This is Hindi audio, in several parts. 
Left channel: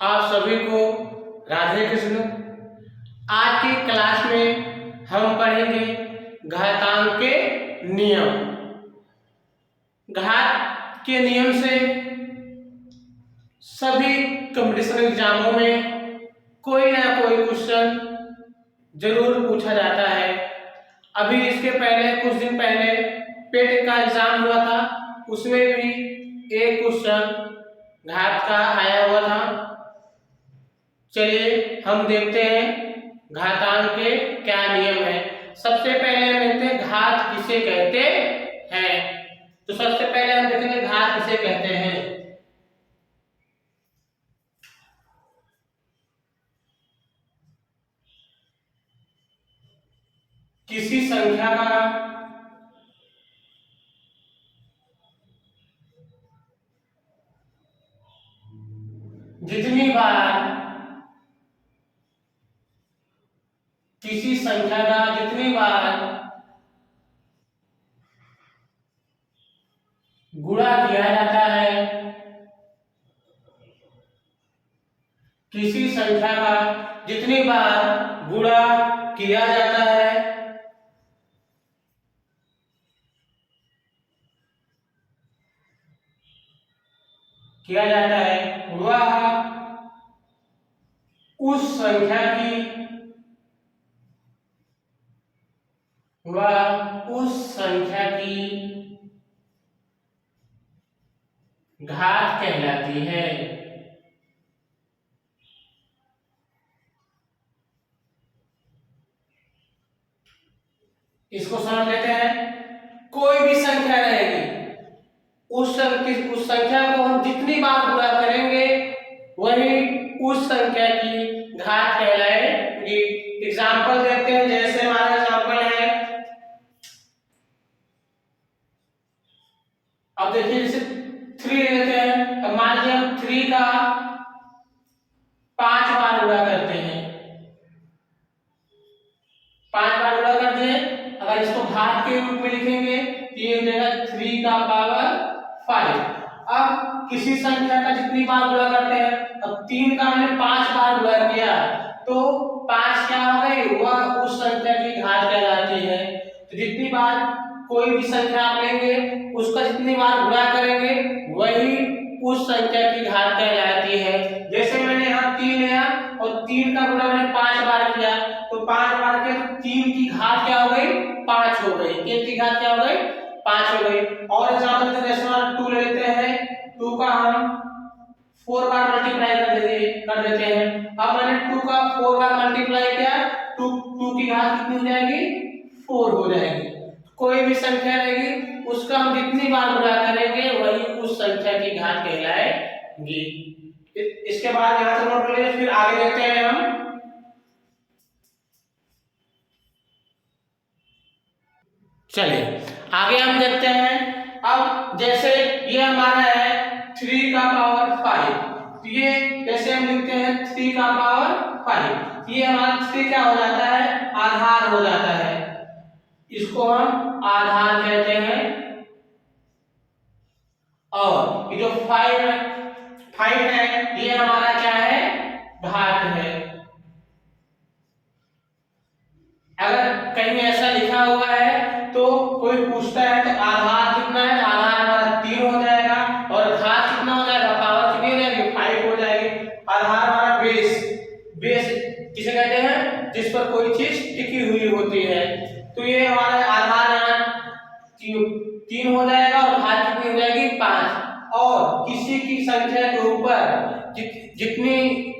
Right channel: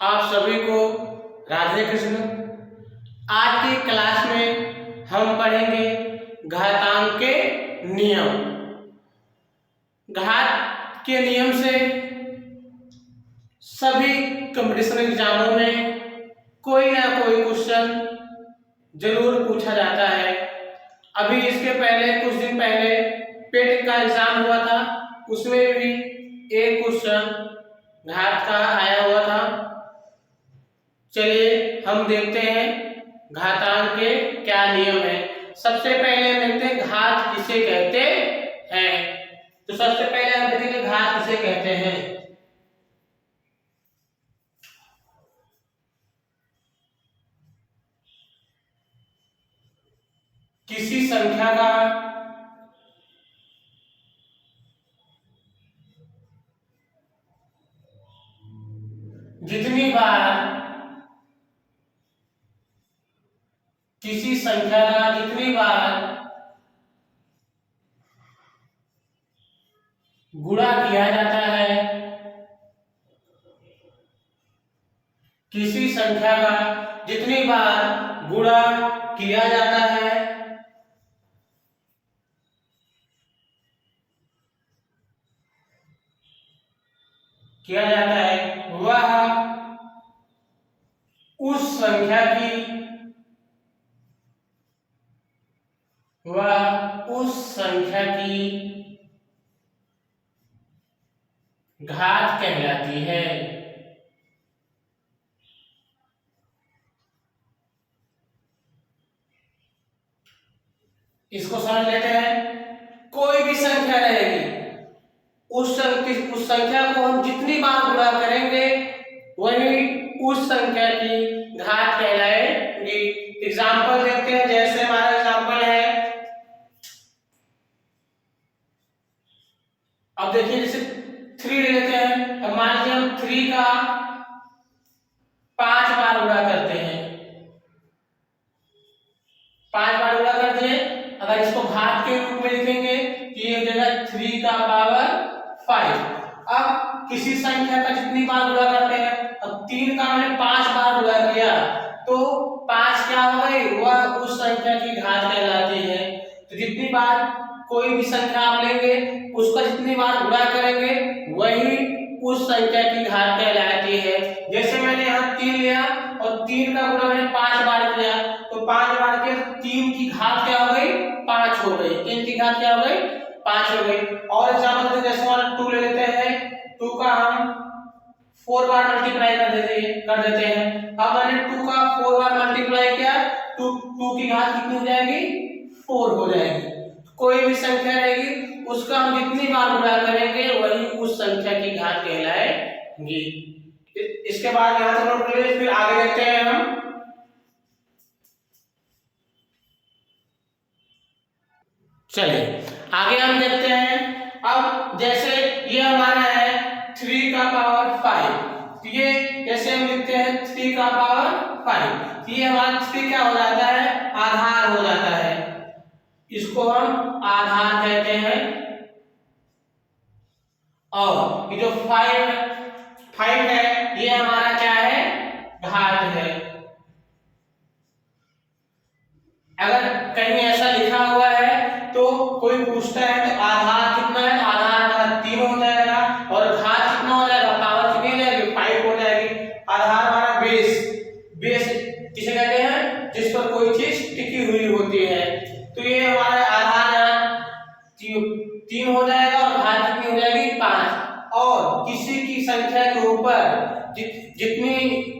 आप सभी को राधे कृष्ण। आज की क्लास में हम पढ़ेंगे घातांक के नियम। घात के नियम से सभी कंपटीशन एग्जामों में कोई ना कोई क्वेश्चन जरूर पूछा जाता है। अभी इसके पहले कुछ दिन पहले पेट का एग्जाम हुआ था, उसमें भी एक क्वेश्चन घात का आया हुआ था। चलिए हम देखते हैं घातांक के क्या नियम है। सबसे पहले हम देखते हैं घात किसे कहते हैं। तो सबसे पहले हम देखेंगे घात किसे कहते हैं। किसी संख्या का जितनी बार गुणा किया जाता है, किसी संख्या का जितनी बार गुणा किया जाता है वह उस संख्या की घात कहलाती है। इसको समझ लेते हैं। कोई भी संख्या रहेगी, उस संख्या को हम जितनी बार गुणा करेंगे वही उस संख्या की घात कहलाएगी। एग्जाम्पल देखते हैं। जैसे हमारा एग्जाम्पल है, अब देखिए जैसे 3 लेते हैं। अब मान लीजिए हम 3 का 5 बार गुणा करते हैं, 5 बार गुणा करते हैं। अगर इसको घात के रूप में लिखेंगे तो ये हो जाएगा 3 का पावर 5। अब किसी संख्या का जितनी बार गुणा करते हैं, अब 3 का मैंने 5 बार गुणा किया तो 5 क्या हो गई, वह उस संख्या की घात कहलाती है। तो जितनी बार कोई भी संख्या आप लेंगे उसका जितनी बार गुणा करेंगे वही उस संख्या की घात कहलाती है। जैसे मैंने यहाँ 3 लिया और 3 का गुणा मैंने 5 बार किया तो 5 बार के 3 की घात क्या हो गई, 5 हो गई। 3 की घात क्या हो गई, 5 हो गई। और एग्जांपल जैसे हम 2 ले लेते हैं। 2 का हम 4 बार मल्टीप्लाई कर देते हैं। अब मैंने 2 का 4 बार मल्टीप्लाई किया तो 2 की घात कितनी हो जाएगी, 4 हो जाएगी। कोई भी संख्या रहेगी उसका हम जितनी बार गुणा करेंगे वही उस संख्या की घात कहलाएगी। इसके बाद यहाँ से नोट कर लीजिए, फिर आगे देखते हैं हम। चलिए आगे हम देखते हैं। अब जैसे ये हमारा है 3 का पावर 5, ये जैसे हम लिखते हैं 3 का पावर 5, ये हमारा 3 क्या हो जाता है, आधार हो जाता है। इसको हम आधार कहते हैं। और ये जो 5 है ये हमारा क्या है, घात है। अगर कहीं ऐसा लिखा हुआ है तो कोई पूछता है तो आधार कितना है, आधार हमारा 3 हो जाएगा और घात कितना हो जाएगा, पावर कितनी हो जाएगी, 5 हो जाएगी। आधार हमारा बेस जिसे कहते हैं जिस पर कोई चीज टिकी हुई होती है। तो ये हमारे आधार 3 हो जाएगा और घात कितनी हो जाएगी, 5। और किसी की संख्या के ऊपर जितनी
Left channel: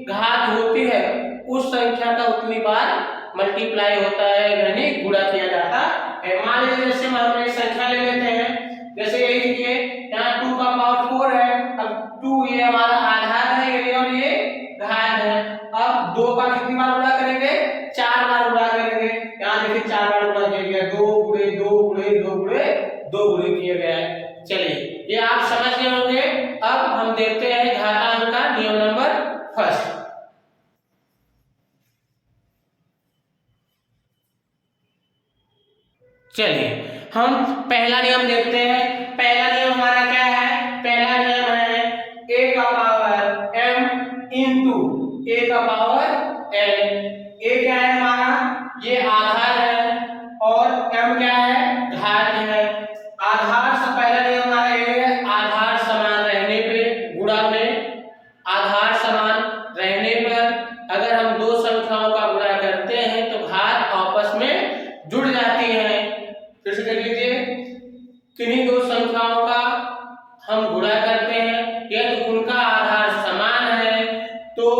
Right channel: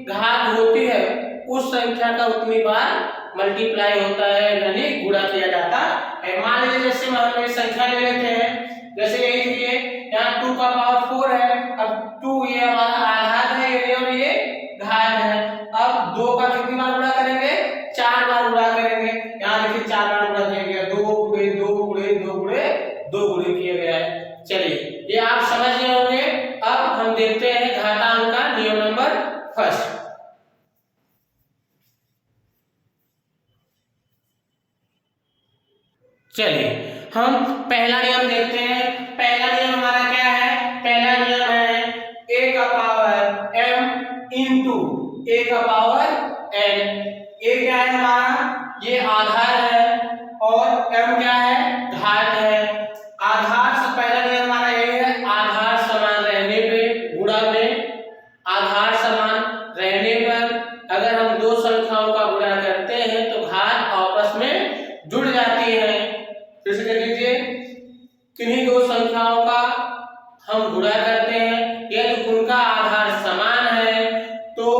घात होती है उस संख्या का उतनी बार मल्टीप्लाई होता है, यानी गुणा किया जाता है। मान लीजिए जैसे हम एक संख्या ले लेते हैं, जैसे यही देखिए यहाँ 2 का पावर 4 है। अब 2 ये हमारा आधार है ये, और ये घात है। अब 2 का कितनी बार गुणा करेंगे, 4 बार गुणा करेंगे। यहाँ देखिए 4 बार गुणा किया गया, 2 गुणे 2 गुणे 2 गुणे 2 गुणे किया गया है। चलिए ये आप समझ गए होंगे। अब हम देखते हैं घातांक का नियम नंबर 1। चलिए हम पहला नियम देखते हैं। पहला नियम हमारा क्या है, पहला नियम है a का पावर m इंटू a का पावर n। a क्या है हमारा, ये आधार है और m क्या है, घात है। आधार से पहला नियम हमारा ये है, आधार समान रहने पे गुणा में, आधार समान रहने पर अगर हम दो संख्याओं का गुणा करते हैं तो घात आपस में जुड़ जाती है। फिर से देख लीजिए, किन्हीं दो संख्याओं का हम गुणा करते हैं यदि उनका आधार समान है तो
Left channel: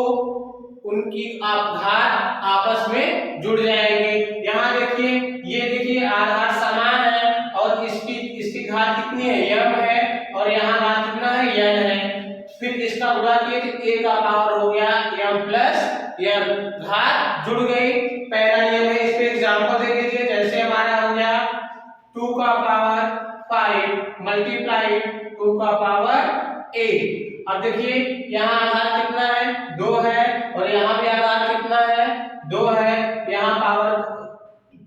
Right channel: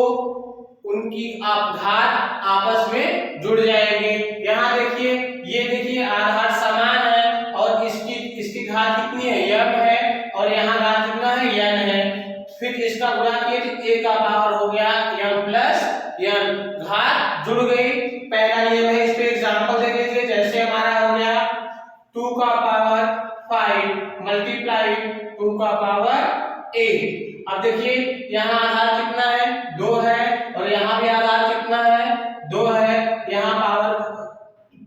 उनकी घात आपस में जुड़ जाएंगी। यहाँ देखिए, ये देखिए आधार समान है और इसकी घात कितनी है, m है, और यहाँ घात कितना है, n है। फिर इसका गुणा किए तो a का पावर हो गया m प्लस n, घात जुड़ गई। पहला नियम है, इस पे एग्जांपल दे दीजिए। जैसे हमारा हो गया 2 का पावर 5 मल्टीप्लाई 2 का पावर 8। अब देखिए यहाँ आधार कितना है, 2 है, और यहाँ भी आधार कितना है, 2 है। यहाँ पावर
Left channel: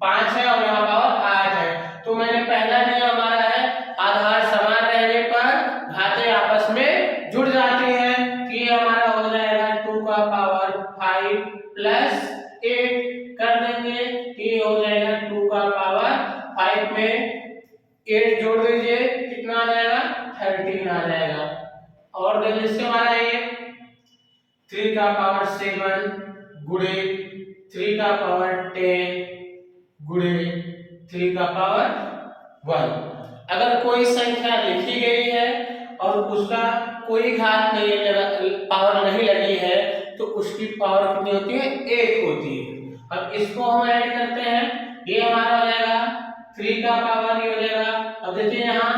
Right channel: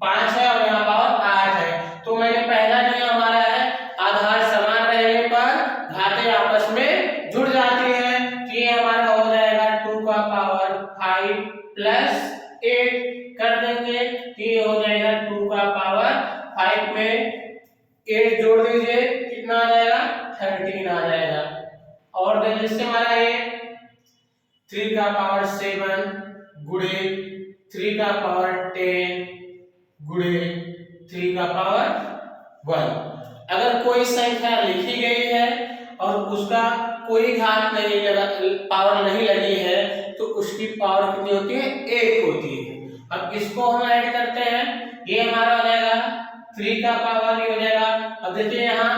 5 है और यहाँ पावर 8 है। तो मैंने पहला नियम हमारा है, आधार समान रहने पर घातें आपस में जुड़ जाती हैं। तो ये हमारा हो जाएगा 2 का पावर 5 प्लस 8 कर देंगे, ये हो जाएगा 2 का पावर 5 में 8 जोड़ दीजिए, कितना आ जाएगा, 13 आ जाएगा। और देखिए इससे हमारा ये 3 का पावर 7 गुणे 3 का पावर 10 गुणे 3 का पावर 1। अगर कोई संख्या लिखी गई है और उसका कोई घात नहीं लगा, पावर नहीं लगी है, तो उसकी पावर कितनी होती है, 1 होती है। अब इसको हम ऐड करते हैं, ये हमारा हो जाएगा 3 का पावर ये हो जाएगा। अब देखिए यहाँ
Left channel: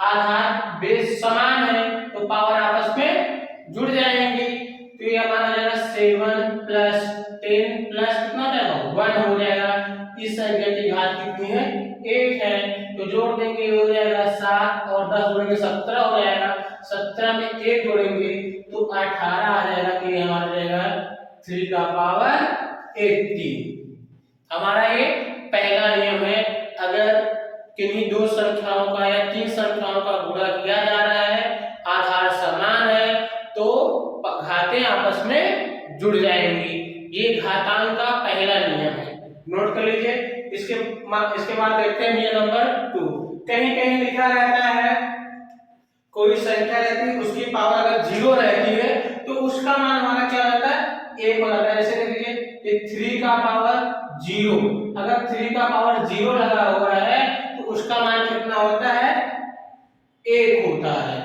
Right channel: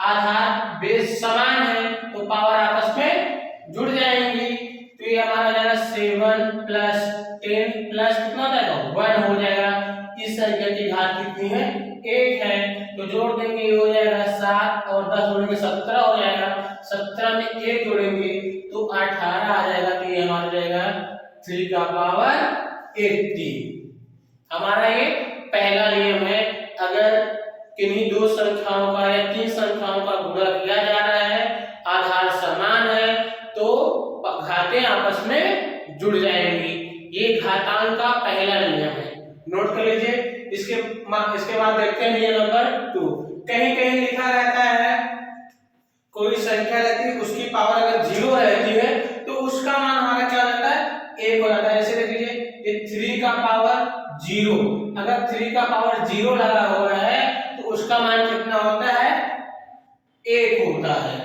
आधार बेस समान है तो पावर आपस में जुड़ जाएंगी। तो ये हमारा हो जाएगा 7 प्लस 10 प्लस कितना हो जाएगा, 1 हो जाएगा। इस संख्या की घात कितनी है, 1 है, तो जोड़ देंगे, ये हो जाएगा 7 और 10 जोड़ेंगे 17 हो जाएगा। 17 में 1 जोड़ेंगे तो 18 आ जाएगा। तो ये हमारा जाएगा 3 का पावर 80। हमारा ये पहला नियम है, अगर किन्हीं दो संख्याओं का या तीन संख्याओं का गुणा किया जा रहा है, आधार समान है, तो घातें आपस में जुड़ जाएंगी। ये घातांक का पहला नियम है, नोट कर लीजिए। इसके बाद देखते हैं नियम नंबर 2। कहीं कहीं लिखा रहता है, कोई संख्या रहती है उसकी पावर अगर 0 रहती है तो उसका मान हमारा क्या रहता है, 1 हो जाता है। जैसे देख लीजिए, ये 3 का पावर 0, अगर 3 का पावर 0 लगा हुआ है तो उसका मान कितना होता है, 1 होता है।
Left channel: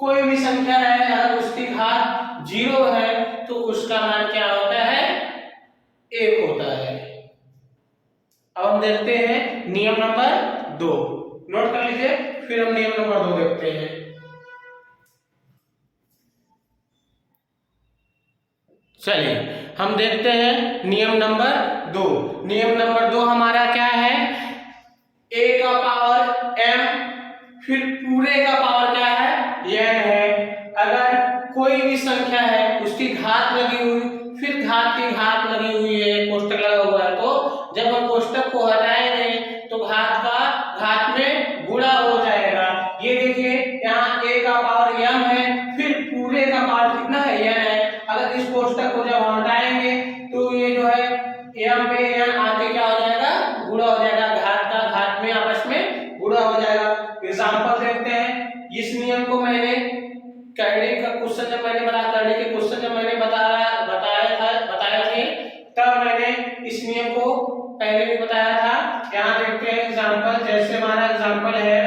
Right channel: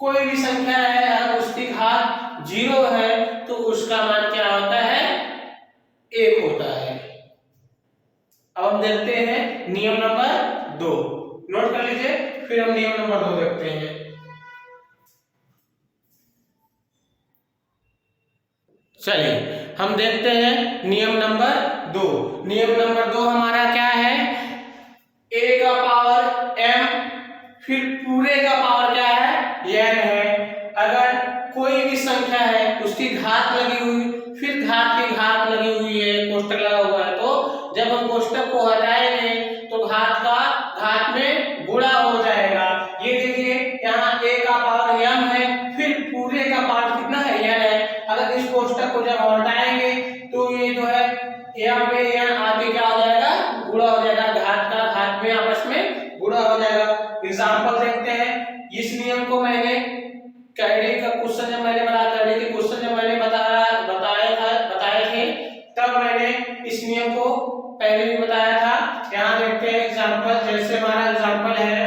कोई भी संख्या है अगर उसकी घात 0 है तो उसका मान क्या होता है, 1 होता है। अब हम देखते हैं नियम नंबर 2, नोट कर लीजिए, फिर हम नियम नंबर 2 देखते हैं। चलिए हम देखते हैं नियम नंबर 2। नियम नंबर 2 हमारा क्या है, a का पावर m फिर पूरे का पावर क्या है, n है। अगर कोई भी संख्या है उसकी घात लगी हुई, फिर घात की घात लगी हुई है, कोष्टक लगा हुआ है, तो जब हम कोष्टक को हटाएंगे तो घात में गुणा हो जाएगा। ये देखिए यहाँ a का पावर m है, फिर पूरे का पावर कितना है, n है। अगर इस कोष्टक को जब हटाएंगे तो ये जो है m पे n आगे क्या हो जाएगा, गुणा हो जाएगा, घात का घात में आपस में गुणा हो जाएगा। एग्जांपल देखते हैं। इस नियम को मैंने करने का क्वेश्चन जब मैंने बनाया, करने के क्वेश्चन जब मैंने बताया थे तब मैंने इस नियम को पहले भी बताया था। यहाँ देखते हैं एग्जांपल। जैसे हमारा एग्जांपल है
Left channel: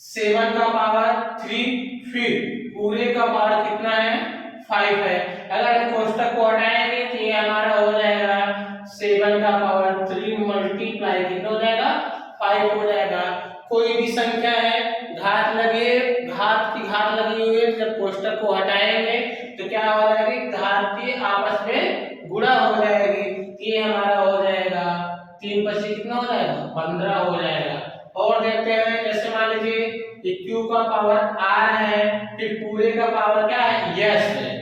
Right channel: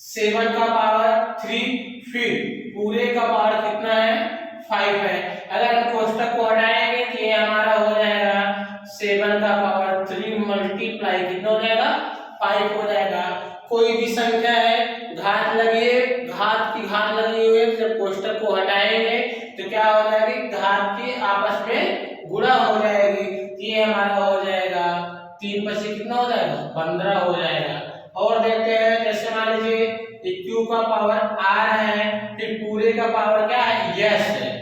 7 का पावर 3 फिर पूरे का पावर कितना है, 5 है। अगर कोष्टक को हटाएंगे तो ये हमारा हो जाएगा 7 का पावर 3 मल्टीप्लाई कितना हो जाएगा, 5 हो जाएगा। कोई भी संख्या है घात की घात लगी हुई है, जब कोष्टक को हटाएंगे तो क्या हो जाएगी, घात की आपस में गुणा हो जाएगी। ये हमारा हो जाएगा 3 पर से कितना हो जाएगा, 15 हो जाएगा। और देखते हैं, जैसे मान लीजिए q का पावर r है, फिर पूरे का पावर क्या है, यस है।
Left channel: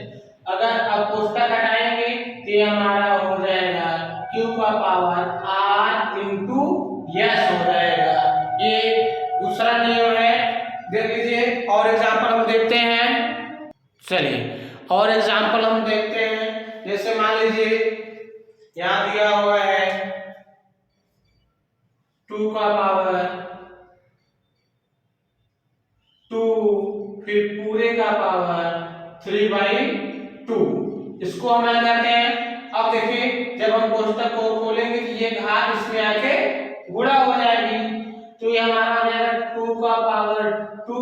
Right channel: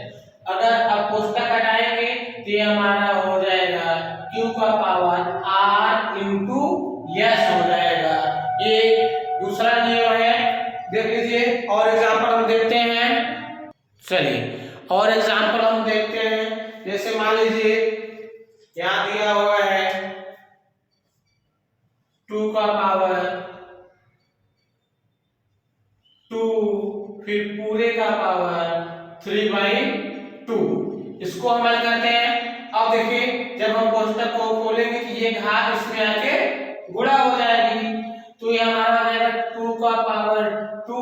अगर अब कोष्टक हटाएंगे तो ये हमारा हो जाएगा q का पावर r इंटू यस हो जाएगा। ये दूसरा नियम है, देख लीजिए। और एग्जांपल हम देखते हैं। चलिए और एग्जाम्पल हम देखते हैं, जैसे मान लीजिए यहाँ दिया हुआ है 2 का पावर 2, फिर पूरे का पावर 3/2। इसको हम क्या करते हैं, अब देखिए जब हम कोष्टक को खोलेंगे कि ये घात इसमें आके गुणा हो जाएगी, तो ये हमारा हो जाएगा 2 का पावर 2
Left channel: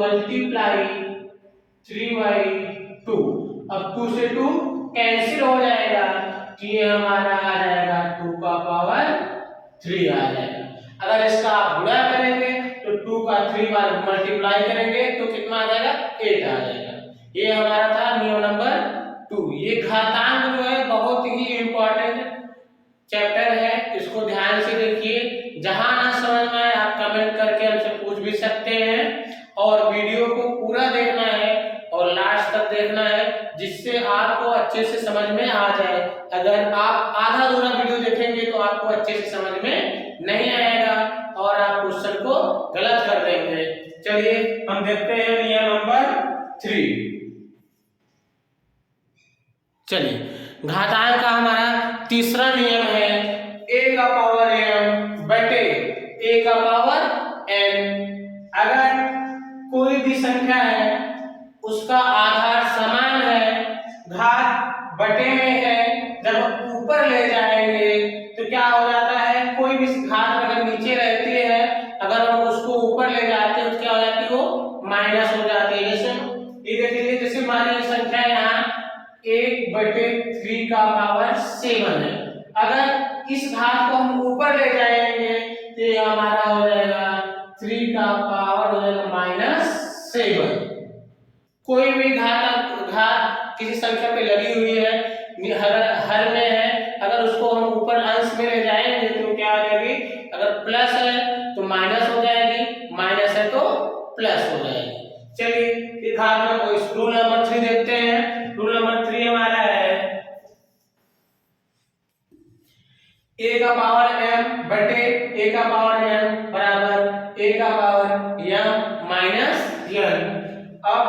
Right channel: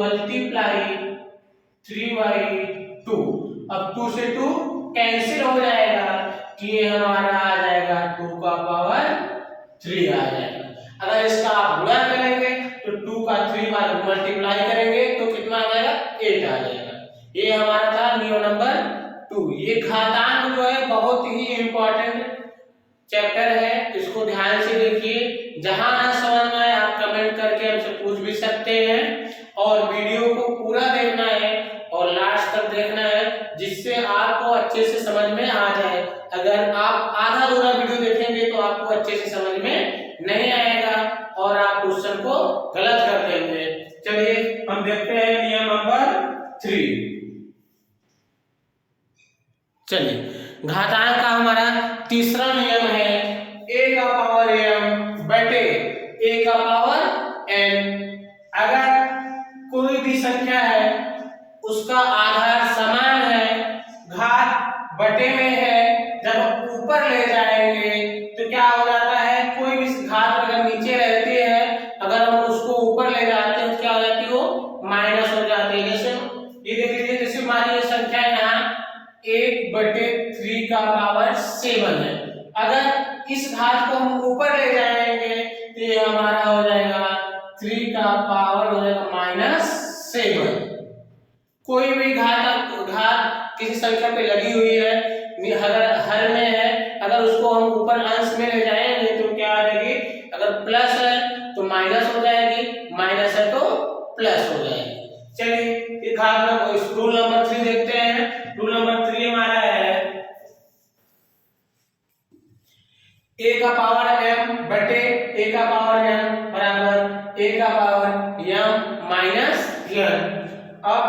मल्टीप्लाई 3/2। अब 2 से 2 कैंसिल हो जाएगा, कि ये हमारा आ जाएगा 2 का पावर 3 आ जाएगा। अगर इसका आप गुणा करेंगे तो 2 का 3 बार मल्टीप्लाई करेंगे तो कितना आ जाएगा, 8 आ जाएगा। ये हमारा था नियम नंबर 2। ये घातांक जो है बहुत ही इंपॉर्टेंट चैप्टर है, इसको ध्यान से देखिए। जहां ना समझ में आए आप कमेंट करके हमसे पूछ भी सकते हैं, और वीडियो को पूरा देखना है और लास्ट तक देखना है, जिससे आपको अच्छे से समझ में आ जाए। अगर आप आधा अधूरा वीडियो देखेंगे तो आपको अच्छे से समझ में नहीं आएगा और आप क्वेश्चन को गलत कर देंगे। चलिए हम देखते हैं नियम नंबर 3। चलिए घातांक का हमारा तीसरा नियम है a का पावर m बटे a का पावर n। अगर कोई भी संख्या है उसका आधार समान है, घात बटे में है, जब ऊपर ले जाएंगे तो क्या हो जाता है, कोई भी घात अगर नीचे रहती है, अगर हम उसको ऊपर ले जाते हैं तो क्या हो जाती है, वो माइनस हो जाती है। जैसे ये देख लीजिए, जैसे मान लीजिए संख्या यहाँ 1/3 का पावर 7 है, अगर इस घात को हम ऊपर ले जाएंगे तो ये हमारा हो जाएगा 3 का पावर हो जाएगा -7। कोई भी घात किसी संख्या पे लगी हुई है, हर में है, अगर उसको हम ऊपर अंश में ले जाएंगे तो क्या आ जाएगी, अगर प्लस है तो माइनस हो जाएगी, माइनस है तो प्लस हो जाएगी। चलिए ये घात में रूल नंबर 3 देखते हैं। रूल नंबर 3 हमारा है a का पावर m बटे a का पावर n बराबर a का पावर m माइनस n। अब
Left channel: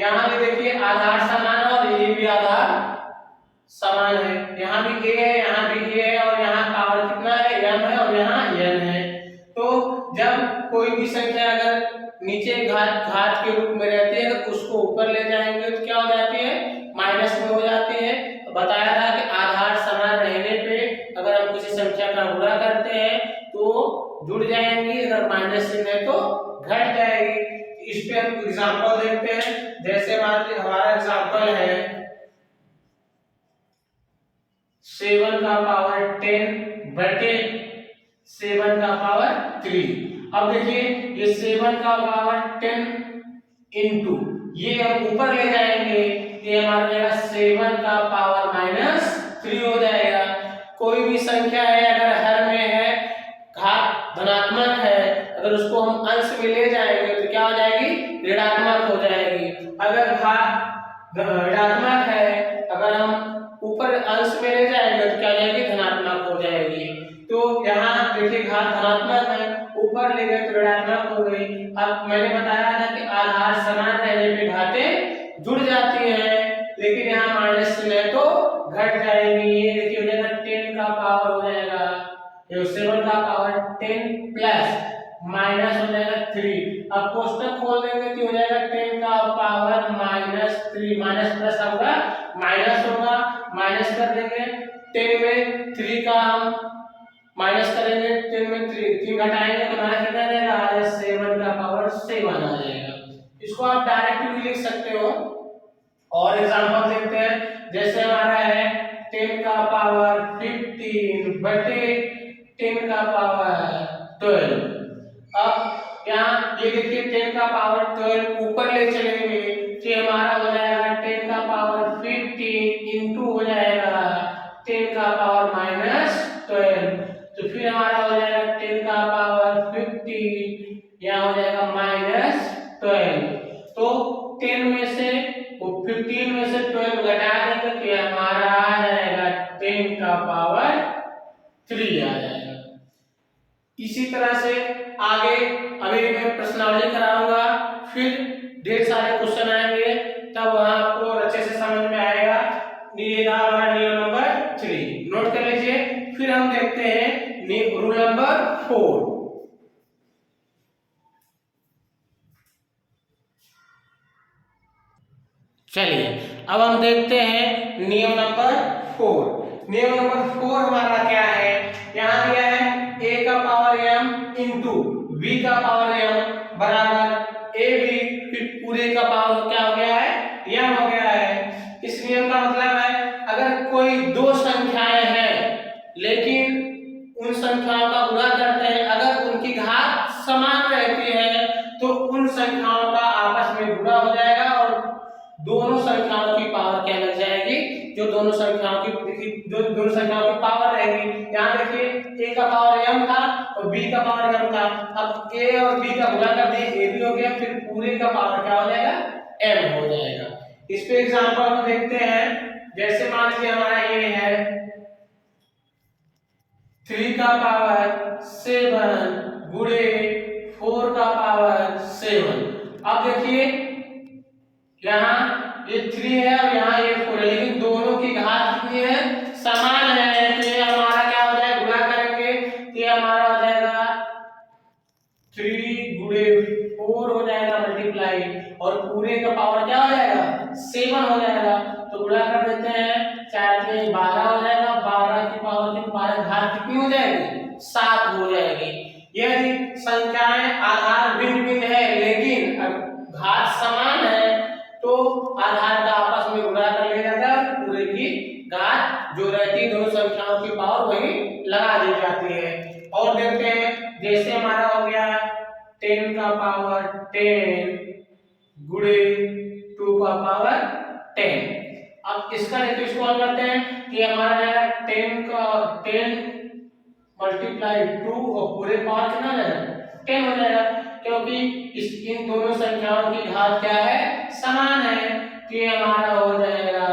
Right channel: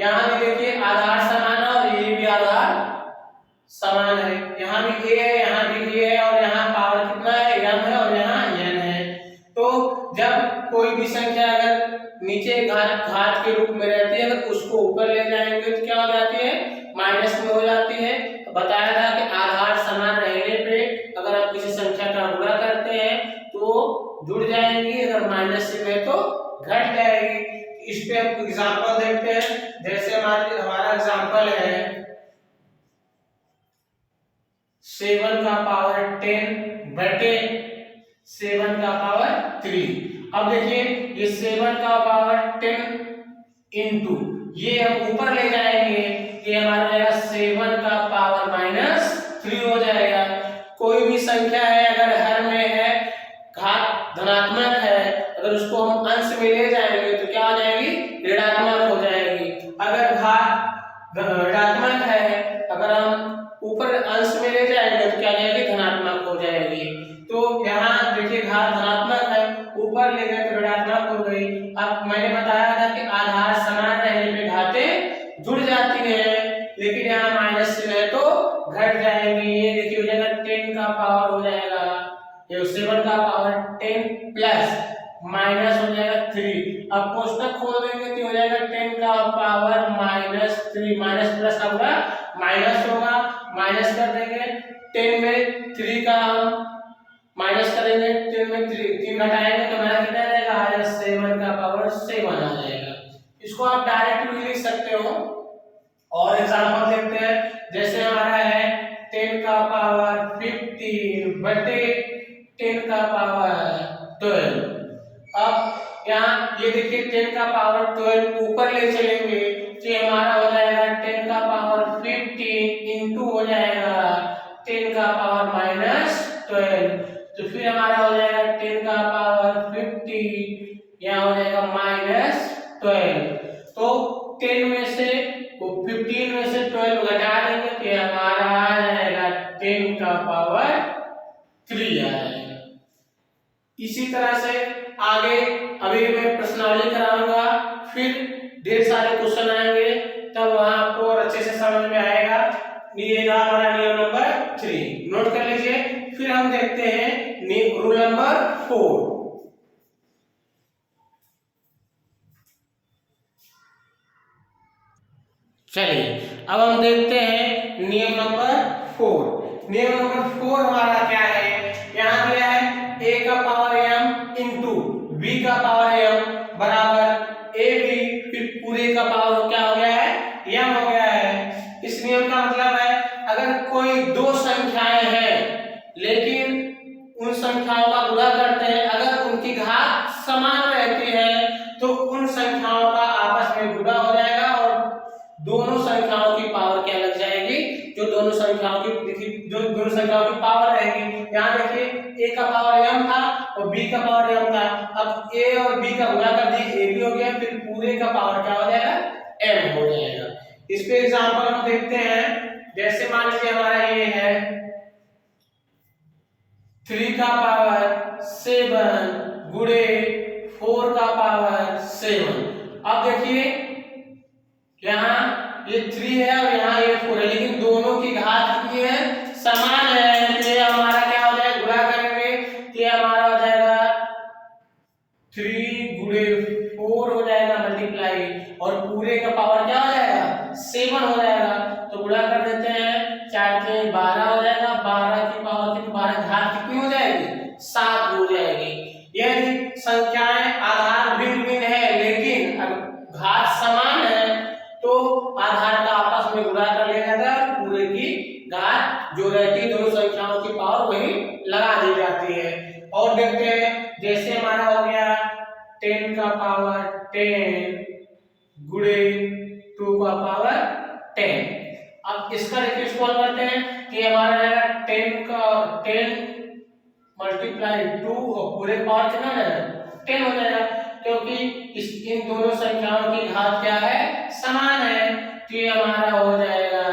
यहाँ भी देखिए आधार समान है और ये भी आधार समान है, यहाँ भी a है, यहाँ भी a है, और यहाँ पावर कितना है, m है, और यहाँ n है। तो जब कोई भी संख्या अगर नीचे घात के रूप में रहती है, अगर उसको ऊपर ले जाएंगे तो क्या हो जाती है, माइनस में हो जाती है। बताया था कि आधार समान रहने पे अगर हम किसी संख्या का गुणा करते हैं तो जुड़ जाएंगी, अगर माइनस से में तो घट जाएगी। इस पे हम एग्जांपल देखते हैं, जैसे हमारा एग्जांपल है 7 का पावर 10 बटे 7 का पावर 3। अब देखिए ये 7 का पावर 10 इंटू ये हम ऊपर ले जाएंगे, ये हमारा रहेगा 7 का पावर -3 हो जाएगा। कोई भी संख्या है अगर हर में है, घात धनात्मक है, अगर उसको हम अंश में ले जाएंगे तो क्या हो जाएगी, ऋणात्मक हो जाएगी। अगर घात ऋणात्मक है, अगर हम ऊपर अंश में ले जाएंगे तो क्या हो जाएगी, धनात्मक हो जाएगी। तो यहाँ देखिए घात धनात्मक है, ऊपर ले गए तो ऋणात्मक हो गई। अब मैंने बताया था कि आधार समान रहने पे घातें जुड़ जाती है, लेकिन यहाँ माइनस से है तो घट जाएगी। ये देखिए हो जाएगा 10 का पावर हो जाएगा, ये 7 का पावर 10 प्लस माइनस हो जाएगा 3। अब कोष्टक खोल देंगे तो हो जाएगा 10 का पावर -3, माइनस प्लस होगा माइनस होगा, माइनस कर देंगे 10 में 3 का हम माइनस करेंगे, 10 में 3 घटाएंगे तो हमारा कितना आ जाएगा, आ जाएगा 7 का पावर 7 आ जाएगा। इसको आप डायरेक्ट भी लिख सकते हो। और एग्जांपल देखते हैं, जैसे हमारा है 10 का पावर 15 बटे 10 का पावर 12। अब यहाँ ये देखिए 10 का पावर 12 ऊपर ले चलेंगे तो हमारा हो जाएगा 10 का पावर 15 इंटू हो जाएगा 10 का पावर -12, तो फिर हमारा हो जाएगा 10 का पावर 50, यहाँ हो जाएगा -12। तो 10 में से 15 में से 12 घटा देंगे तो हमारा आ जाएगा 10 का पावर 3 आ जाएगा। इसी तरह से आगे अभी मैं प्रश्नावली कराऊंगा, फिर ढेर सारे क्वेश्चन आएंगे, तब वहां आपको अच्छे से चलिए अब हम देखते हैं नियम नंबर 4। नियम नंबर 4 हमारा क्या है, यहाँ दिया है a का पावर m इंटू b का पावर m बराबर a b, फिर पूरे का पावर क्या हो गया है, m हो गया है। इस नियम का मतलब है अगर कोई दो संख्याएं हैं लेकिन उन संख्याओं का गुणा करते हैं, अगर उनकी घात समान रहती है तो उन संख्याओं का आपस में गुणा हो जाएगा और दोनों संख्याओं की पावर क्या लग जाएगी, जो दोनों संख्याओं की पावर रहेगी। यहाँ देखिए a का पावर m था और b का पावर m था, अब a और b का गुणा कर दिए a भी हो गया, फिर पूरे का पावर क्या हो जाएगा, m हो जाएगा। इस पे एग्जांपल हम देखते हैं, जैसे मान लीजिए हमारा ये है 3 का पावर 7 गुणे 4 का पावर 7। अब देखिए यहाँ ये 3 है और यहाँ ये 4 है, लेकिन दोनों की घात कितनी है, समान है, तो ये हमारा क्या हो जाएगा, गुणा करेंगे तो ये हमारा हो जाएगा 3 गुणे 4 हो जाएगा मल्टीप्लाई, और पूरे का पावर क्या हो जाएगा, 7 हो जाएगा। तो गुणा कर देते हैं, 4 के 12 हो जाएगा, 12 की पावर की 12 घात कितनी हो जाएगी, 7 हो जाएगी। यदि संख्याएं आधार भिन्न भिन्न है लेकिन घात समान है तो आधार का आपस में गुणा कर लिया जाता है, पूरे की घात जो रहती है दोनों संख्याओं की पावर वही लगा दी जाती है। और देखते हैं, जैसे हमारा हो गया 10 का पावर 10 गुणे 2 का पावर 10। अब इसका देखिए सॉल्व करते हैं कि हमारा है 10 मल्टीप्लाई 2 और पूरे पावर कितना हो जाएगा, 10 हो जाएगा, क्योंकि इन दोनों संख्याओं की घात क्या है, समान है। तो ये हमारा हो जाएगा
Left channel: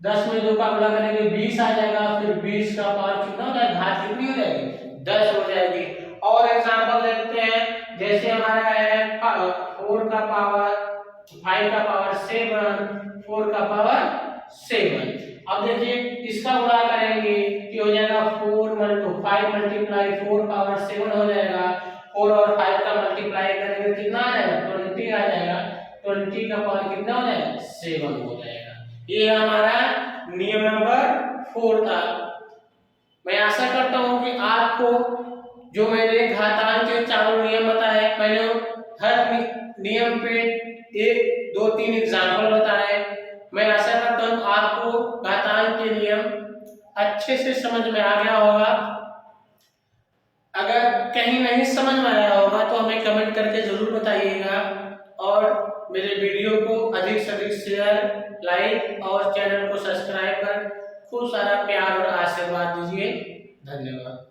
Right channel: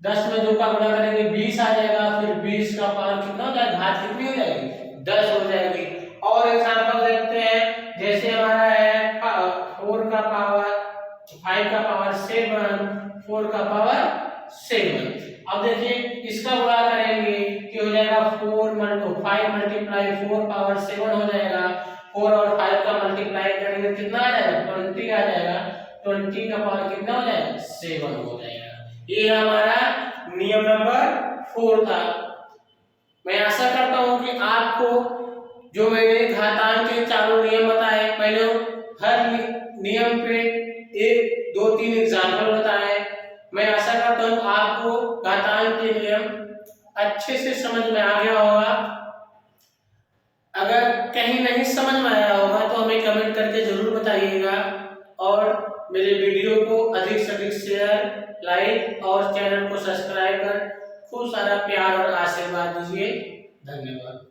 10 में 2 का गुणा करेंगे 20 आ जाएगा, फिर 20 का पावर कितना हो जाएगा, घात कितनी हो जाएगी, 10 हो जाएगी। और एग्जांपल देखते हैं, जैसे हमारा है 4 का पावर 5 का पावर 7 4 का पावर 7। अब देखिए इसका गुणा करेंगे कि हो जाएगा 5 मल्टीप्लाई 4 पावर 7 हो जाएगा, 4 और 5 का मल्टीप्लाई करेंगे कितना आ जाएगा, 20 आ जाएगा, 20 का पावर कितना हो जाएगा, 7 हो जाएगा। ये हमारा नियम नंबर 4 था। मैं आशा करता हूं कि आपको जो मैंने घातांक के चारों नियम बताए, पहले हर नियम पे 1 2 3 एग्जाम्पल बताए, मैं आशा करता हूं आपको घातांक के नियम अच्छे से समझ में आ गया होगा। अगर कहीं नहीं समझ में आया होगा तो हमें कमेंट करके जरूर बताइएगा, और मेरे वीडियो को अधिक से अधिक शेयर, लाइक और चैनल को सब्सक्राइब कर खूब सारा प्यार और आशीर्वाद दीजिए। धन्यवाद।